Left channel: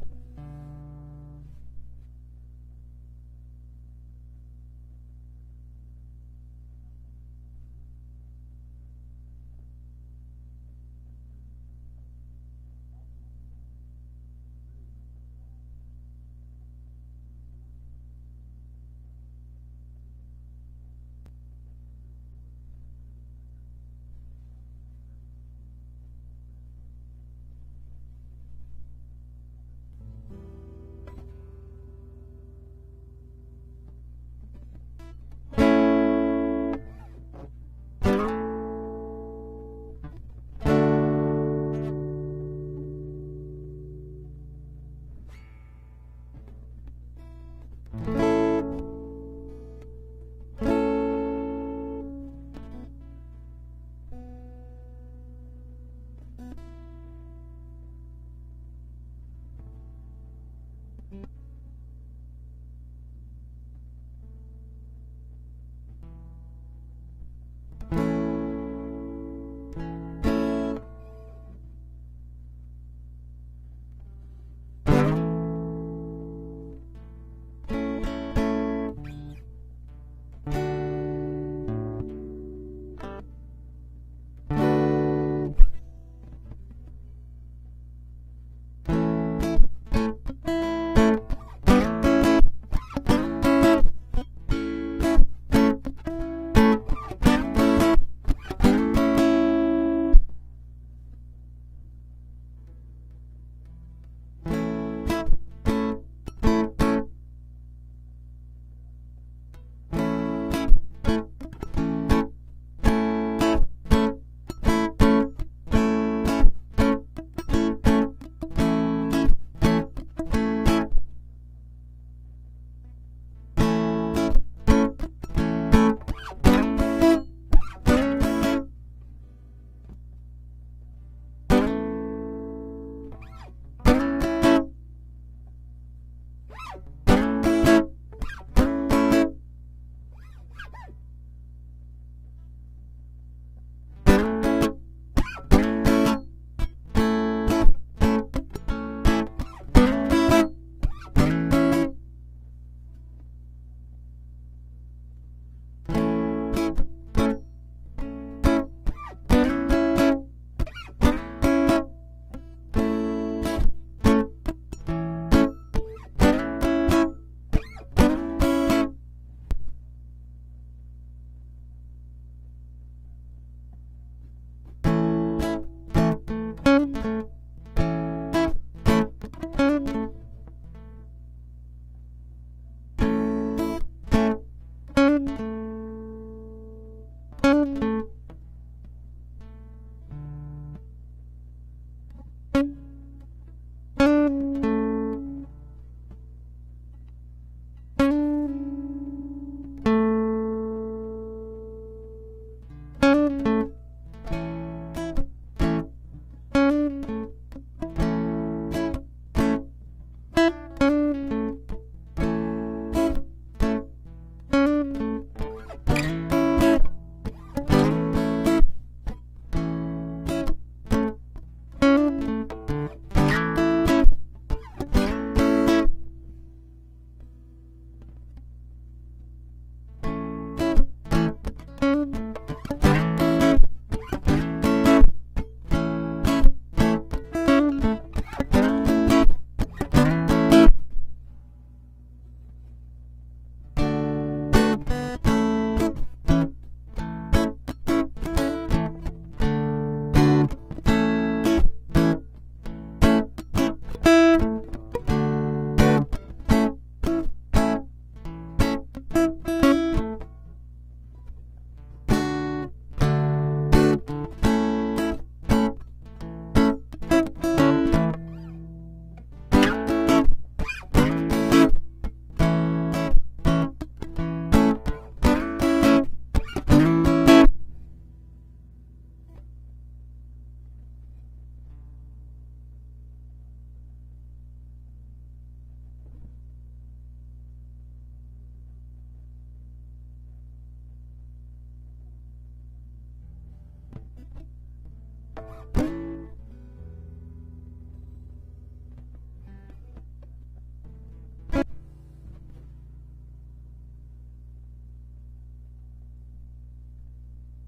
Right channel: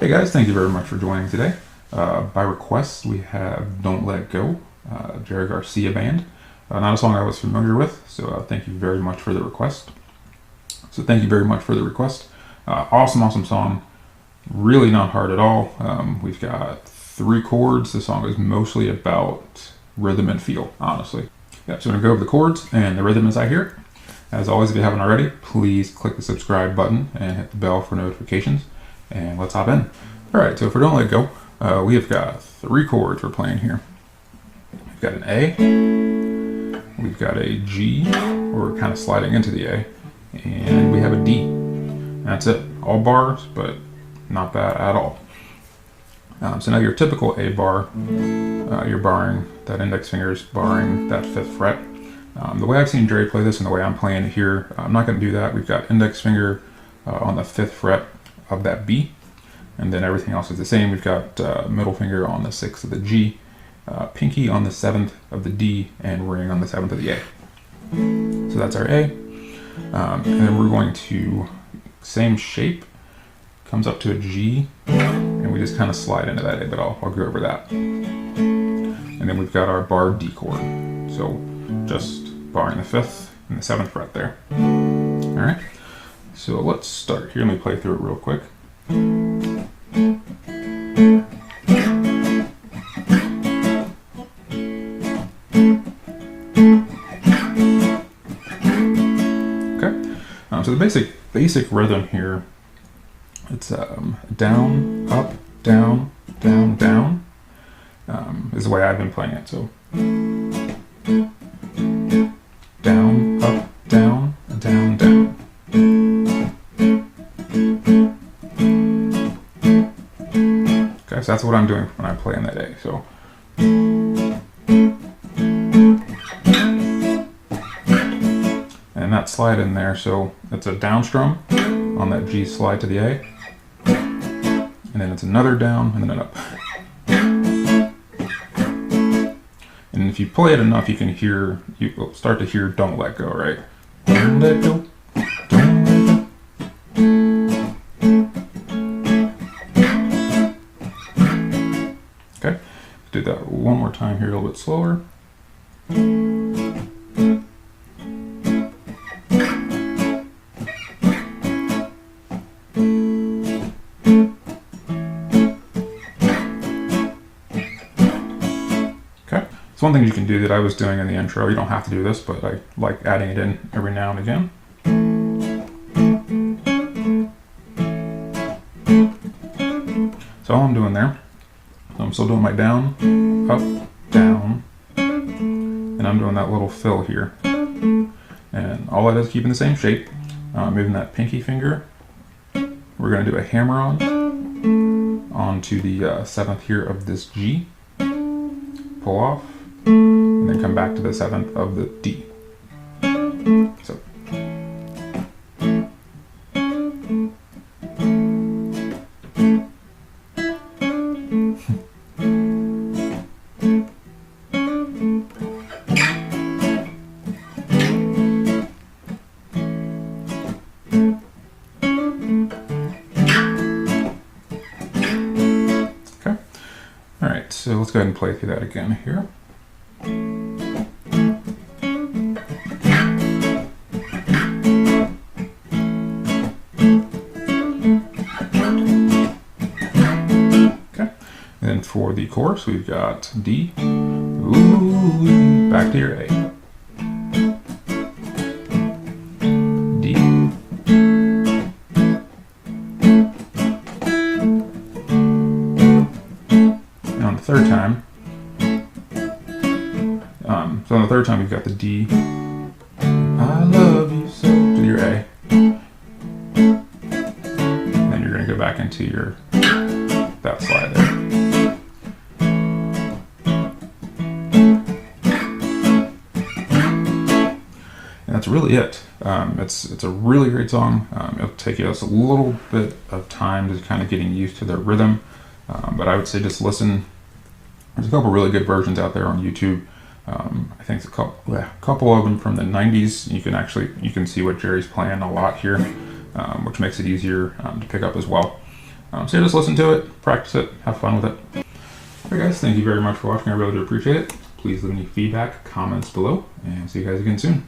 Hey guys, thank you very much for joining today. By request, we have Don't Let Go, Jerry Garcia band. Not a song I was familiar with, so thank you very much for the request. Awesome song. Really not hard at all. We've got 3 chords. The song is mostly about rhythm and feel, honestly. Yeah, so I'm going to go over the chords and the rhythm as I hear it. As always, if you haven't already, please click the subscribe button and hit the bell for notifications. And let's hop in. Alright, so for Don't Let Go, we have got 3 chords we're playing here. We've got an A, we've got a G, we're kind of sliding into the A, and we have a D. And that's it. All bars, but not bad at all. So now your typical A bar, you're barring, that index finger is barring that 5th fret. The way I've seen Jerry play this and the way I'm playing it here, I'm not going to do that. We've got index finger on the 5th fret of that B, and then everything else is the same. We've got middle finger on the 6th of the G, pinky on the 7th of the D, and ring on the 7th of the A. So that's our A. And then we're going to, same shape, comes up to a G, and we just kind of slide into that A, but I'll go over that. And then we've got our bar D chord. So just barring the 5th and the 7th fret there. All right. So let's start here. Let me play through it real quick. Okay. So the basic rhythm here, it's down, up, down, down, down, is the way I've been playing it. So down, up, down, down, down. So that's what I'm doing when I play in that A. So and that slide in there, so it's a down strum on that G slide to the A, and then it's another down and then an up. And if you play it enough, you can hear, you will start to hear Don't Let Go, right? Don't let go. Do that one more time here, a little bit slower. Okay, so one thing you can do that I was doing in the intro, you don't have to do this, but I like adding it in every now and again. So all I'm doing there, I'm still doing my down, up, down, and I'm doing that little fill here. And all that is keeping the same shape. Moving that pinky finger. We're going to do a hammer onto the 7th here of this G. Pull off, and then come back to the 7th of the D. So. So let's go ahead and play through that again here. Okay, and then for the chorus, we've got D, ooh, back to your A. D, third time we've got the D. I love you so, to your A. Then you're going to go back into your that slide there. And that's really it. It's a really great song. It'll take us a little bit of time to kind of getting used to their rhythm, but I would say just listen. There's a couple really good versions out there on YouTube. I think a couple of them from the 90s. You can see what Jerry's playing a lot here, which makes it easier to pick up as well. So just listen to it, practice it, have fun with it. Alright guys, thank you very much for watching. I really do appreciate it. Please leave any feedback, comments below, and see you guys again soon.